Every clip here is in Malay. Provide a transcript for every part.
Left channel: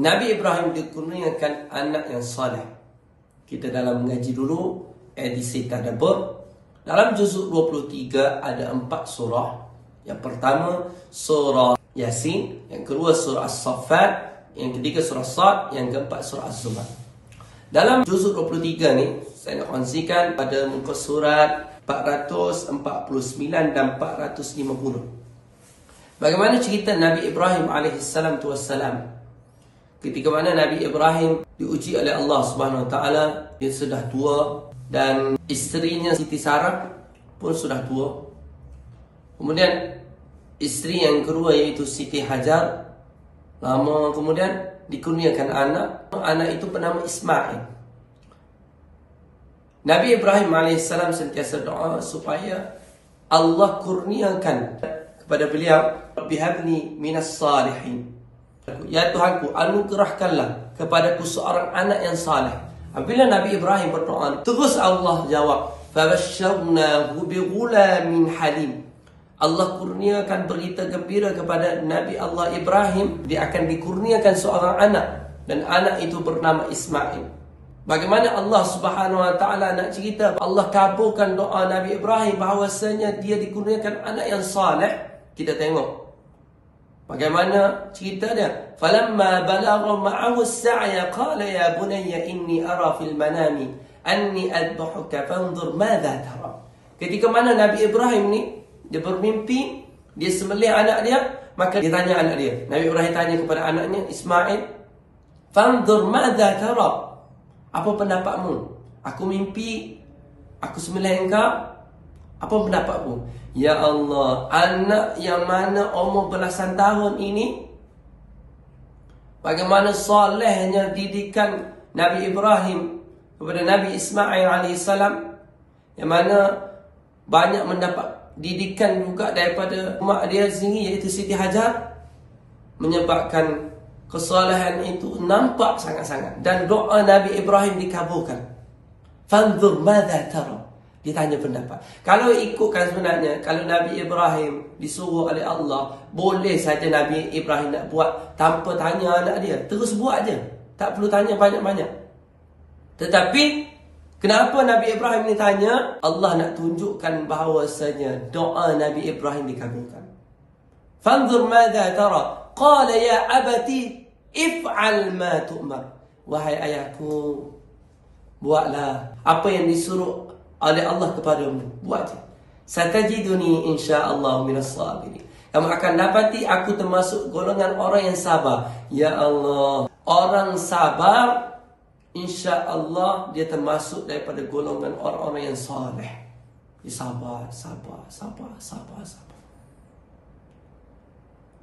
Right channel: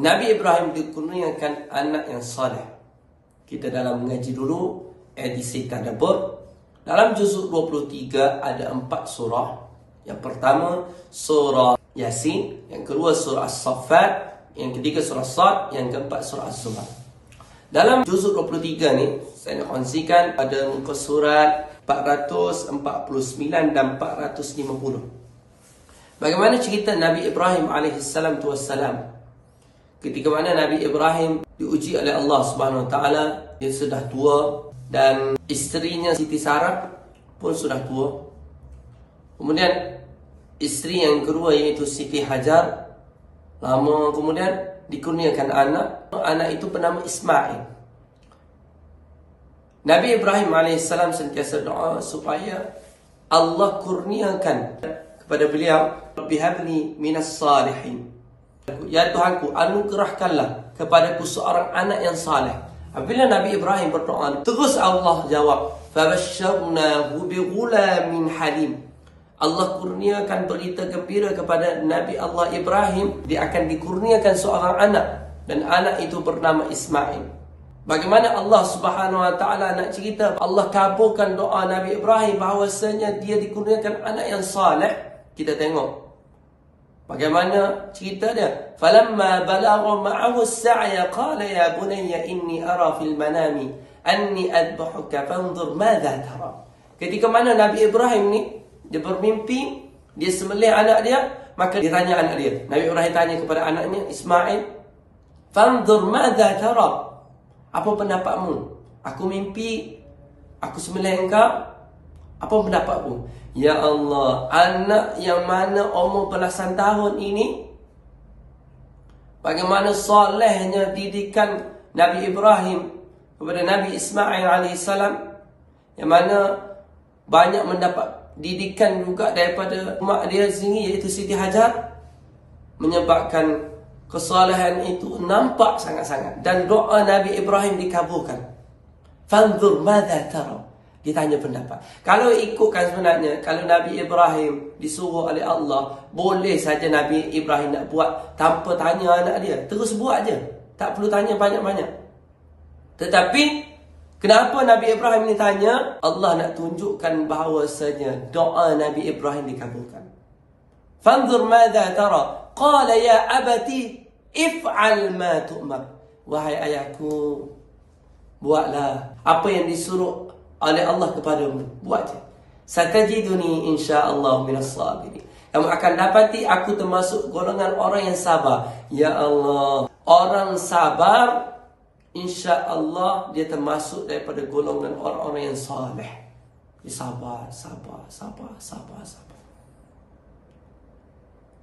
Nabi Ibrahim dikurniakan anak yang saleh. Kita dalam mengaji dulu edisi tadabbur. Dalam juzuk 23 ada 4 surah. Yang pertama surah Yasin, yang kedua surah As-Saffat, yang ketiga surah Sad, yang keempat surah Az-Zumar. Dalam juzuk 23 ni saya nak kongsikan pada muka surat 449 dan 450. Bagaimana cerita Nabi Ibrahim alaihissalam tu wassalam. Ketika mana Nabi Ibrahim diuji oleh Allah Subhanahu Wa Taala, dia sudah tua dan isterinya Siti Sarah pun sudah tua. Kemudian isteri yang kedua iaitu Siti Hajar, lama kemudian dikurniakan anak. Anak itu bernama Ismail. Nabi Ibrahim alaihissalam sentiasa doa supaya Allah kurniakan kepada beliau, bihabni minas salihin. Ya Tuhanku, anugerahkanlah kepadaku seorang anak yang saleh. Apabila Nabi Ibrahim berdoa, terus Allah jawab, fabashsharnahu bighulamin halim. Allah kurniakan berita gembira kepada Nabi Allah Ibrahim, dia akan dikurniakan seorang anak, dan anak itu bernama Ismail. Bagaimana Allah Subhanahu Wa Taala nak cerita, Allah kabulkan doa Nabi Ibrahim bahawasanya dia dikurniakan anak yang saleh. Kita tengok bagaimana cerita dia. Falamma balagha ma'ahu as-sa'ya qala ya bunayya inni ara fil manami anni adbahuka fanzur madza tara. Ketika mana Nabi Ibrahim ni dia bermimpi, dia sembelih anak dia, maka dia tanya anak dia. Nabi Ibrahim tanya kepada anaknya Ismail, fanzur madza tara. Apa pendapatmu? Aku mimpi, aku sembelih engkau. Apa pendapatmu? Ya Allah, anak yang mana umur belasan tahun ini, bagaimana solehnya didikan Nabi Ibrahim kepada Nabi Ismail alaihissalam, yang mana banyak mendapat didikan juga daripada mak dia sendiri iaitu Siti Hajar, menyebabkan kesolehan itu nampak sangat-sangat, dan doa Nabi Ibrahim dikabulkan. Fanzur madza tara. Dia tanya pendapat. Kalau ikutkan sebenarnya, kalau Nabi Ibrahim disuruh oleh Allah, boleh saja Nabi Ibrahim nak buat tanpa tanya anak dia. Terus buat je. Tak perlu tanya banyak-banyak. Tetapi, kenapa Nabi Ibrahim ni tanya? Allah nak tunjukkan bahawasanya doa Nabi Ibrahim dikabulkan. Fanzur madza tara. Qala ya abati if'al ma tu'mar. Wahai ayahku, buatlah apa yang disuruh oleh Allah kepadamu, buat je. Satajiduni insyaallah minas sabirin. Kamu akan dapati aku termasuk golongan orang yang sabar. Ya Allah, orang sabar, insyaallah dia termasuk daripada golongan orang-orang yang saleh. Dia sabar.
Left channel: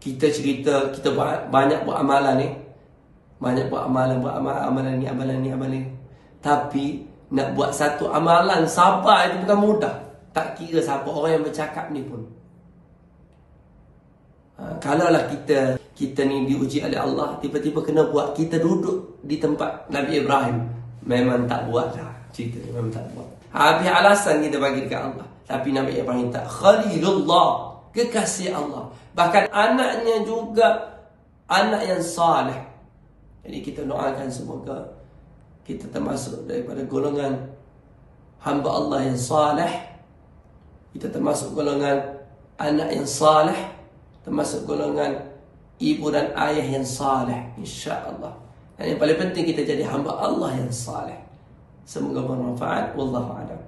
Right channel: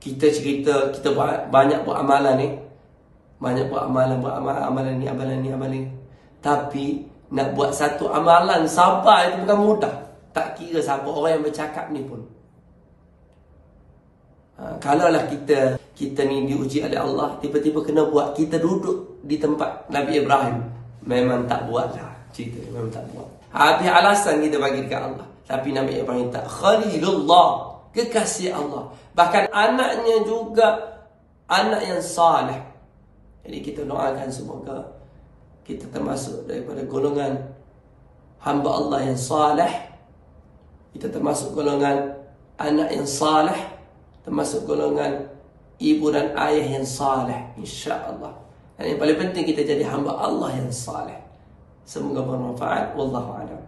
Kita cerita, kita banyak buat amalan ni. Banyak buat amalan ni. Tapi nak buat satu amalan sabar itu bukan mudah. Tak kira siapa orang yang bercakap ni pun. Kalaulah kita ni diuji oleh Allah, tiba-tiba kena buat, kita duduk di tempat Nabi Ibrahim, memang tak buatlah. Cerita memang tak buat. Habis alasan kita bagi dekat Allah. Tapi Nabi Ibrahim tak. Khalilullah, kekasih Allah. Bahkan anaknya juga anak yang saleh. Jadi kita doakan semoga kita termasuk daripada golongan hamba Allah yang saleh. Kita termasuk golongan anak yang saleh, termasuk golongan ibu dan ayah yang saleh, insya-Allah. Dan yang paling penting kita jadi hamba Allah yang saleh. Semoga bermanfaat. Wallahu a'lam.